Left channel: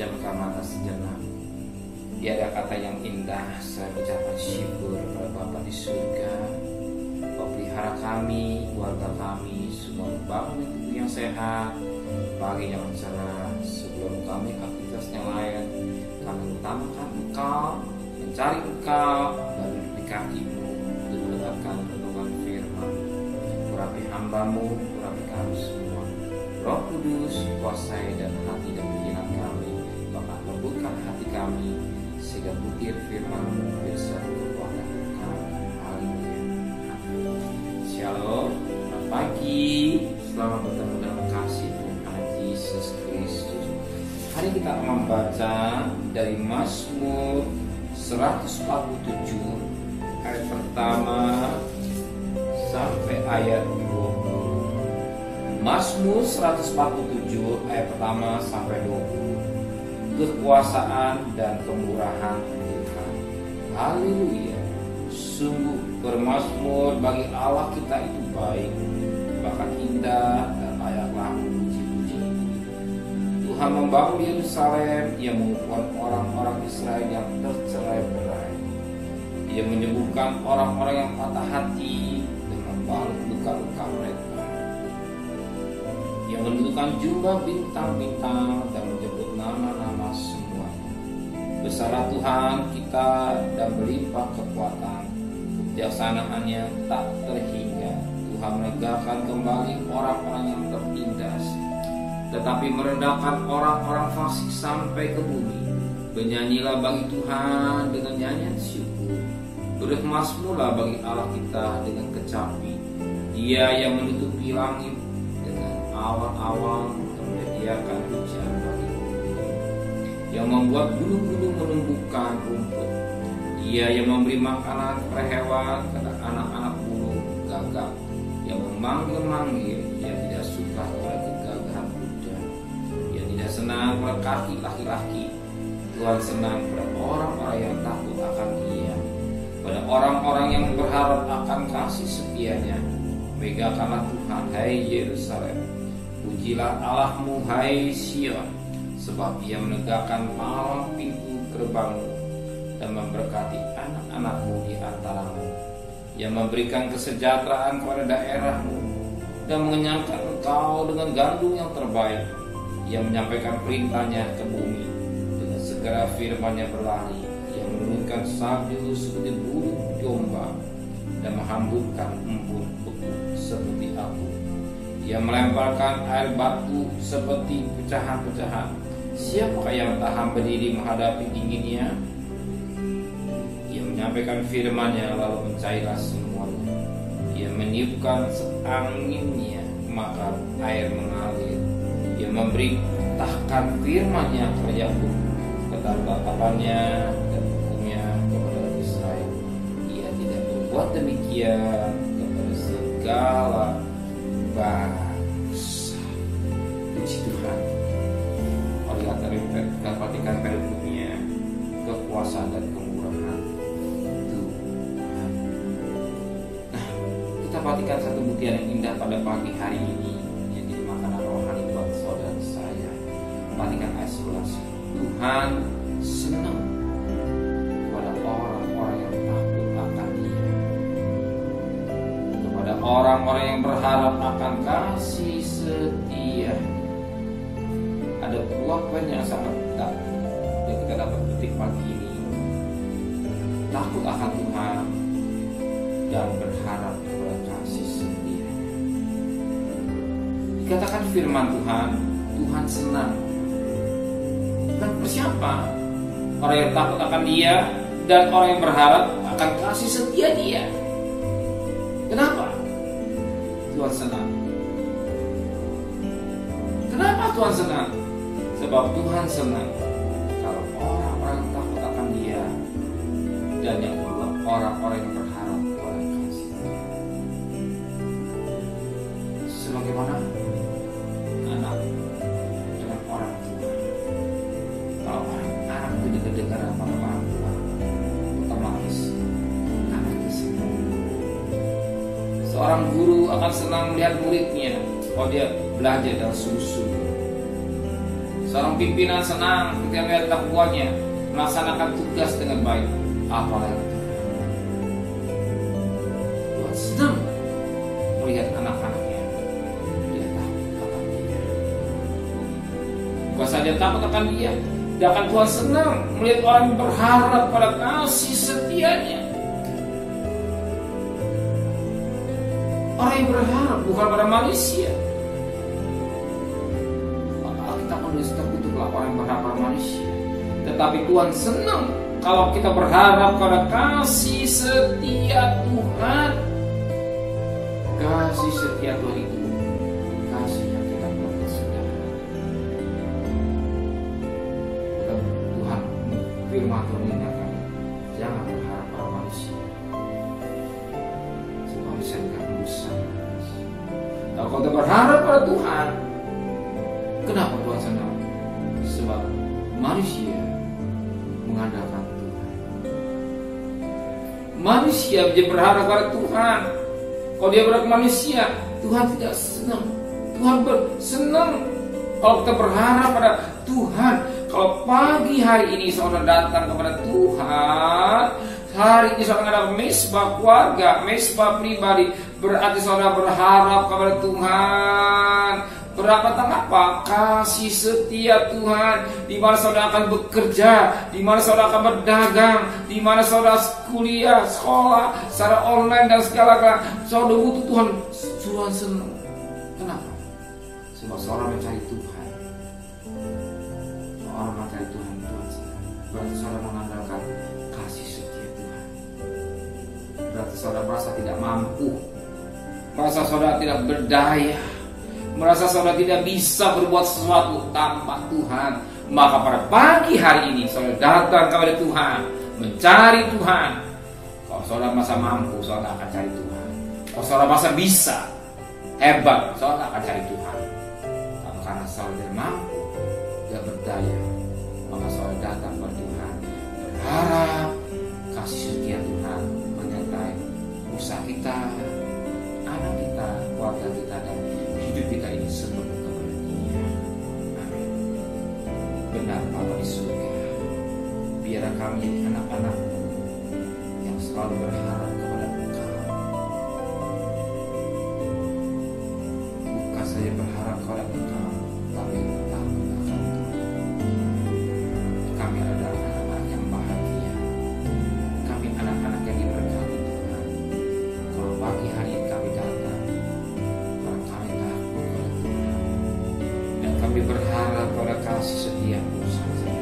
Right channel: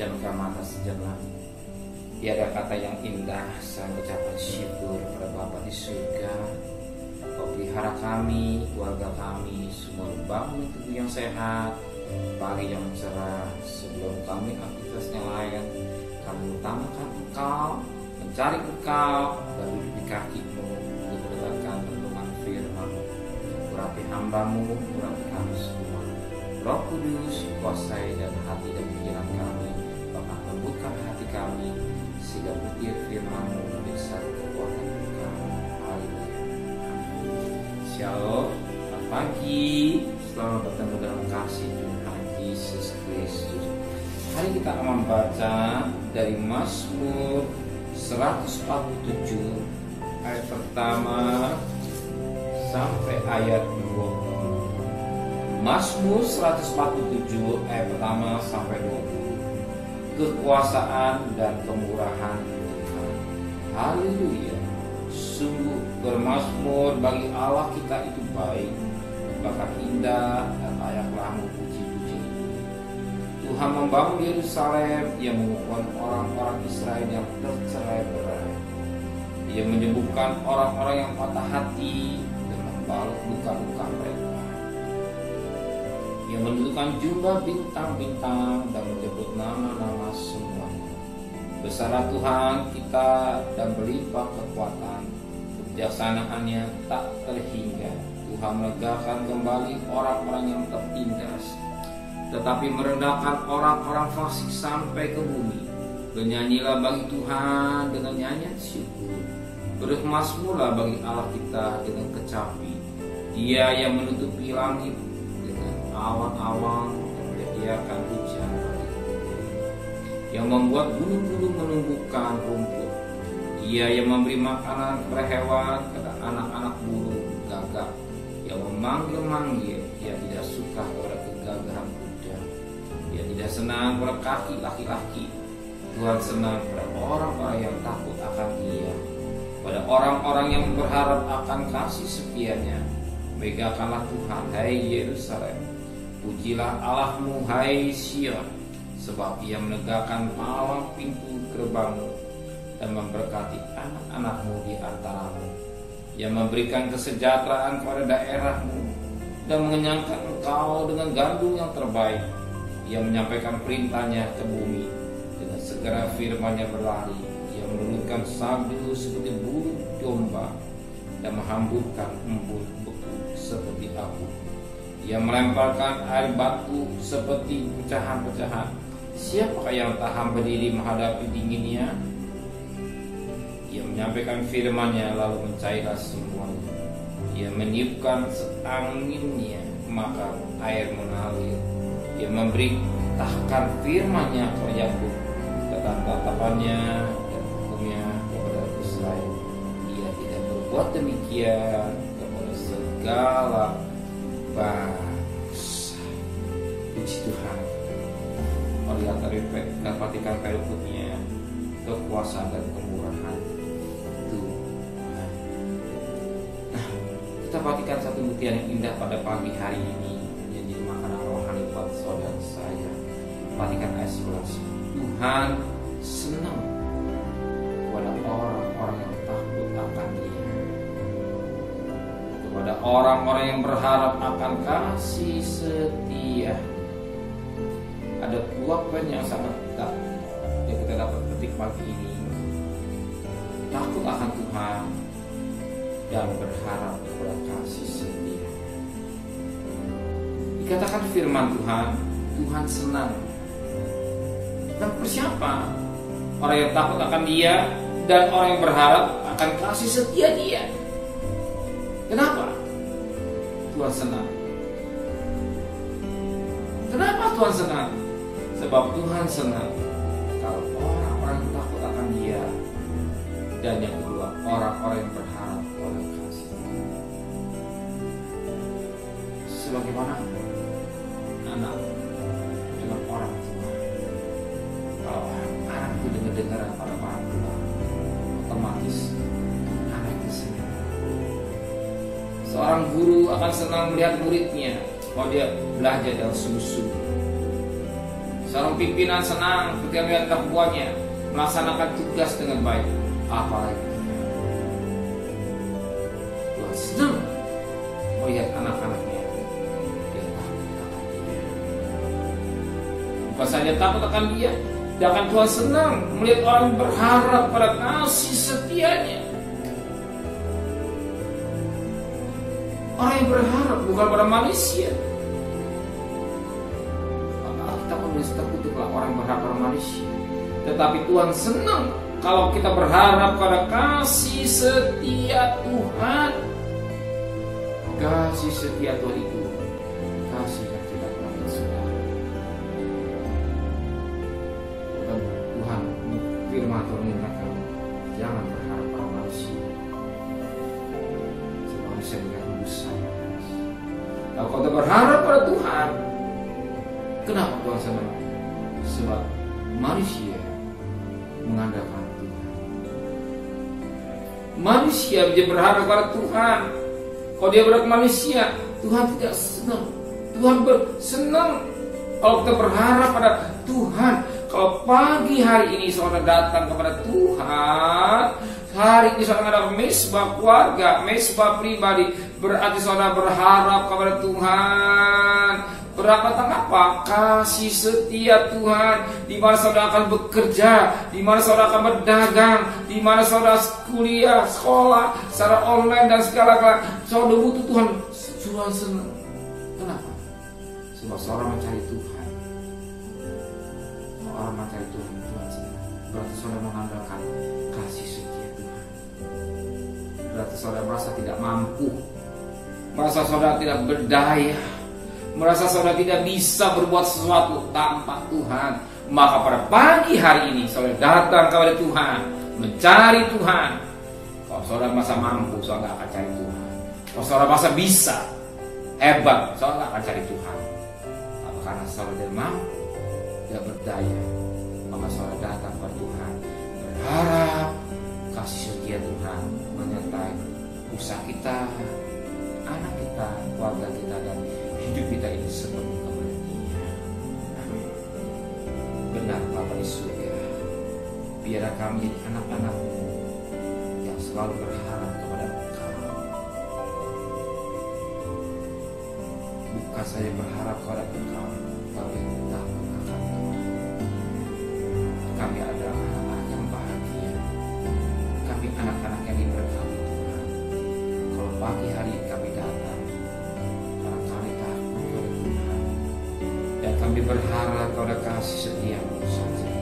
Pejamkan mata sejenak. Tiada kata yang indah selain ucapan syukur kepada Bapa di surga. Kau pelihara kami, keluarga kami, semua bangun tubuh yang sehat, pagi yang cerah. Sebelum kami aktivitasnya lain, kami utamakan Engkau, mencari Engkau, dan duduk di kaki-Mu untuk mendengarkan renungan firman. Urapi hamba-Mu, urapi kami semua. Roh Kudus, kuasai dan hati dan pikiran kami, bahkan lembutkan hati kami, sehingga butir firman-Mu menjadi satu kekuatan Engkau. Haleluya. Amin. Shalom, selamat pagi, selamat bertemu dalam kasih Tuhan Yesus Kristus. Hari kita akan membaca dari Mazmur 147 ayat pertama sampai ayat 20. Mazmur 147 ayat pertama sampai 20. Kekuasaan dan kemurahan Tuhan. Haleluya. Sungguh bermazmur bagi Allah kita itu baik, bahkan indah dan layaklah memuji-puji. Tuhan membangun Yerusalem, Ia mengumpulkan orang-orang Israel yang tercerai-berai. Ia menyembuhkan orang-orang yang patah hati dan membalut luka-luka mereka. Ia menentukan jumlah bintang-bintang dan menyebut nama-nama semuanya. Besarlah Tuhan kita dan berlimpah kekuatan, kebijaksanaan-Nya tak terhingga. Tuhan menegakkan kembali orang-orang yang tertindas, tetapi merendahkan orang-orang fasik sampai ke bumi. Bernyanyilah bagi Tuhan dengan nyanyian syukur. Bermazmurlah bagi Allah kita dengan kecapi. Dia yang menutupi langit dengan awan-awan dan menyediakan hujan bagi bumi, yang membuat gunung-gunung menumbuhkan rumput. Ia yang memberi makanan kepada hewan, kepada anak-anak burung gagak, yang memanggil-manggil. Ia tidak suka kepada kegagahan kuda. Ia tidak senang pada kaki laki-laki. Tuhan senang pada orang-orang yang takut akan Dia, pada orang-orang yang berharap akan kasih setia-Nya. Megahkanlah Tuhan, hai Yerusalem. Pujilah Allahmu, hai Sion, sebab Ia menegakkan malam pintu gerbangmu dan memberkati anak-anakmu di antaramu. Ia memberikan kesejahteraan kepada daerahmu dan mengenyangkan engkau dengan gandum yang terbaik. Ia menyampaikan perintahnya ke bumi, dengan segera firman-Nya berlari. Ia menurunkan salju seperti burung domba dan menghamburkan embun beku seperti abu. Ia melemparkan air batu seperti pecahan-pecahan. Siapakah yang tahan berdiri menghadapi dinginnya? Ia menyampaikan firman-Nya lalu mencairlah semuanya. Ia meniupkan anginnya, maka air mengalir. Ia memberitakan firman-Nya kepada Yakub, ketetapan-nya dan hukumnya kepada Israel. Ia tidak berbuat demikian kepada segala bangsa. Puji Tuhan. Lihat dari perhatikan perikutnya, kekuasaan dan kemurahan Tuhan. Nah, kita perhatikan satu buktian yang indah pada pagi hari ini yang jadi makanan rohani buat saudara saya. Perhatikan ayat 11. Tuhan senang kepada orang-orang yang takut akan Dia, kepada orang-orang yang berharap akan kasih setia. Ada dua poin yang sangat yang kita dapat petik pagi ini. Takut akan Tuhan dan berharap kepada kasih setia. Dikatakan firman Tuhan, Tuhan senang. Dan siapa? Orang yang takut akan Dia dan orang yang berharap akan kasih setia Dia. Kenapa? Tuhan senang. Kenapa Tuhan senang? Sebab Tuhan senang kalau orang-orang takut akan Dia, dan yang kedua, orang-orang yang berharap kepada kasih. Sebagaimana anak dengan orang tua. Kalau anak itu dengar pada orang tua, otomatis anak itu senang. Seorang guru akan senang melihat muridnya, kalau dia belajar dengan sungguh-sungguh. Seorang pimpinan senang ketika melihat anak buahnya melaksanakan tugas dengan baik. Apalagi Tuhan senang melihat anak-anaknya. Dia takut akan dia. Bukan saja takut akan dia, bahkan Tuhan senang melihat orang berharap pada kasih setianya. Orang yang berharap bukan pada manusia. Maka kita menulis terkutuklah orang yang berharap pada manusia. Tetapi Tuhan senang kalau kita berharap pada kasih setia Tuhan. Kasih setia Tuhan itu kasih yang tidak pernah bersudah. Tuhan firman Tuhan ingatkan, jangan berharap pada manusia. Sebab manusia tidak mendusta. Nah, kalau kita berharap pada Tuhan, kenapa Tuhan senang? Sebab manusia mengandalkan Tuhan. Manusia dia berharap pada Tuhan. Kalau dia berharap manusia, Tuhan tidak senang. Tuhan senang kalau kita berharap pada Tuhan. Kalau pagi hari ini saudara datang kepada Tuhan, hari ini saudara ada mesbah keluarga, mesbah pribadi, berarti saudara berharap kepada Tuhan. Berapa tentang apa? Kasih setia Tuhan. Di mana saudara akan bekerja, di mana saudara akan berdagang, di mana saudara kuliah, sekolah, secara online dan segala-galanya. Saudara butuh Tuhan. Tuhan senang. Kenapa? Sebab seorang mencari Tuhan. Orang mencari Tuhan, Tuhan senang. Berarti saudara mengandalkan kasih setia Tuhan. Berarti saudara merasa tidak mampu, merasa saudara tidak berdaya, merasa saudara tidak bisa berbuat sesuatu tanpa Tuhan. Maka pada pagi hari ini saudara datang kepada Tuhan, mencari Tuhan. Kalau saudara merasa mampu, saudara akan cari Tuhan. Kalau saudara merasa bisa, hebat, saudara akan cari Tuhan. Tapi karena saudara tidak mampu, tidak berdaya, maka saudara datang kepada Tuhan, berharap kasih setia Tuhan menyertai usaha kita, anak kita, keluarga kita, dan hidup kita ini sepenuh kepada Dia. Amin. Benar Bapa di surga, biarlah kami jadi anak-anak-Mu yang selalu berharap kepada Engkau. Bukan saja berharap kepada Engkau, tapi takut akan Tuhan. Kami adalah anak-anak yang bahagia. Kami anak-anak yang diberkati Tuhan. Kalau pagi hari ini kami datang, karena kami takut kepada Tuhan, dan kami berharap kepada kasih setia-Mu saja.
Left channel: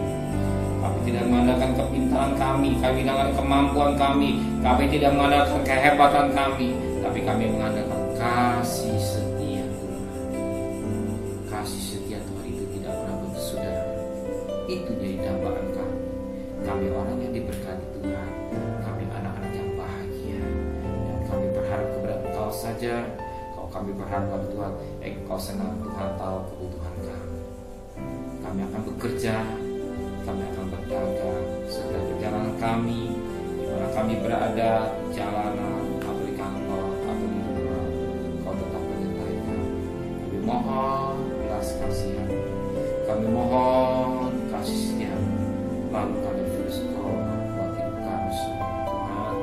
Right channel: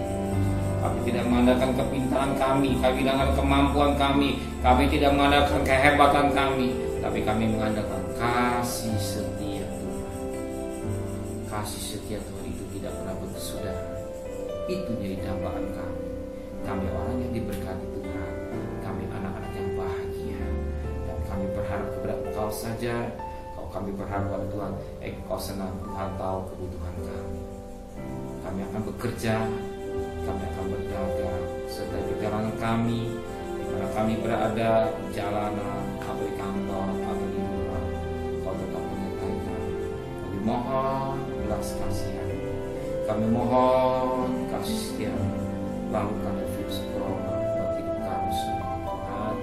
Kami tidak mengandalkan kepintaran kami tidak mengandalkan kemampuan kami tidak mengandalkan kehebatan kami, tapi kami mengandalkan kasih setia Tuhan. Kasih setia Tuhan itu tidak pernah bersudah. Itu jadi dambaan kami. Kami orang yang diberkati Tuhan. Kami anak-anak yang bahagia. Dan kami berharap kepada Engkau saja. Kalau kami berharap kepada Tuhan, Engkau senang. Tuhan tahu kebutuhan kami. Kami akan bekerja, kami akan berdagang, serta perjalanan kami, di mana kami berada, di jalanan, atau di kantor, atau di rumah, Kau tetap menyertai kami. Kami mohon belas kasihan, kami mohon kasih setia-Mu. Lalukan virus corona buat hidup kami semua Tuhan,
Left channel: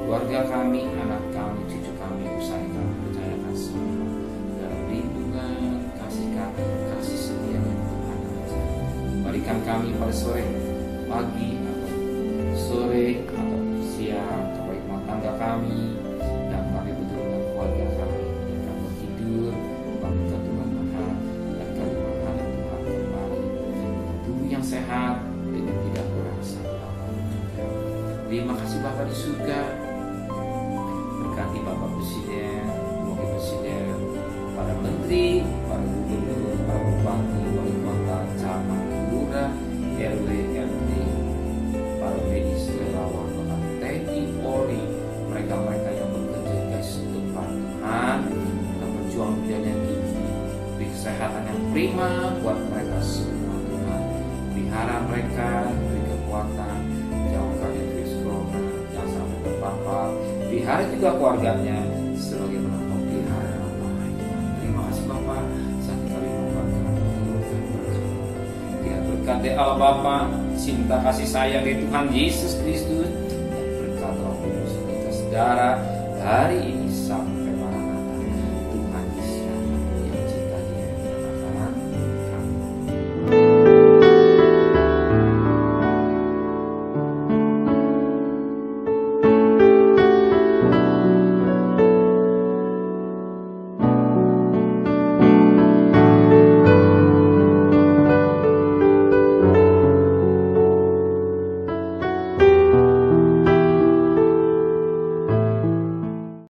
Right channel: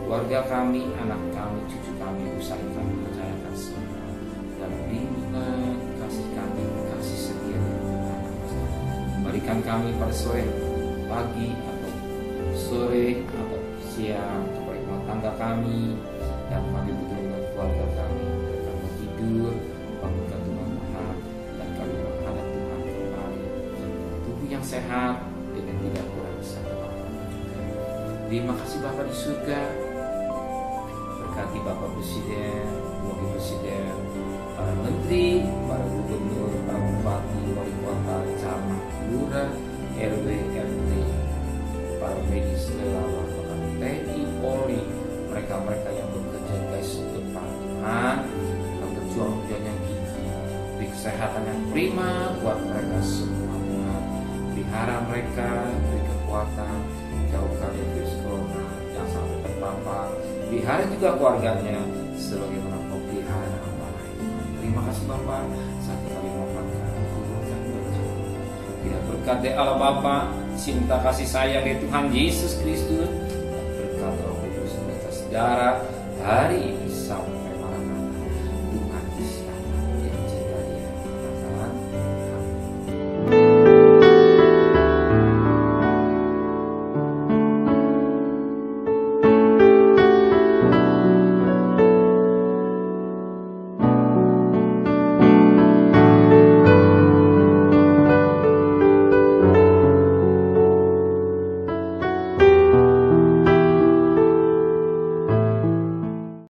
keluarga kami, anak kami, cucu kami, usaha yang kami percayakan semua dalam lindungan kasih setia dari Tuhan aja. Berikan kami pada sore, pagi, atau sore, atau siang kepada rumah tangga kami, dan kami betul dengan keluarga kami, dan kami tidur bangunkan Tuhan Maha, dan kami menghadap Tuhan kembali tubuh yang sehat dengan tidak kurang satu apapun. Terima kasih Bapa di surga. Berkati Bapak Presiden, Wakil Presiden, para menteri, para gubernur, para bupati, wali kota, camat, lurah, RW, RT, para medis, relawan, bahkan TNI, Polri, mereka-mereka yang bekerja guys depan Tuhan, dengan perjuangan yang tinggi, beri kesehatan yang prima buat mereka semua Tuhan. Pelihara mereka, beri kekuatan, jauhkan dari virus corona, jangan sampai terpapar. Pelihara juga keluarganya sebagaimana Kau pelihara dengan baik. Terima kasih Bapak, saat kami mohonkan turunkan berkat berkat dari Allah Bapa, cinta kasih sayang dari Tuhan Yesus Kristus, dan berkat Roh Kudus atas saudara hari ini sampai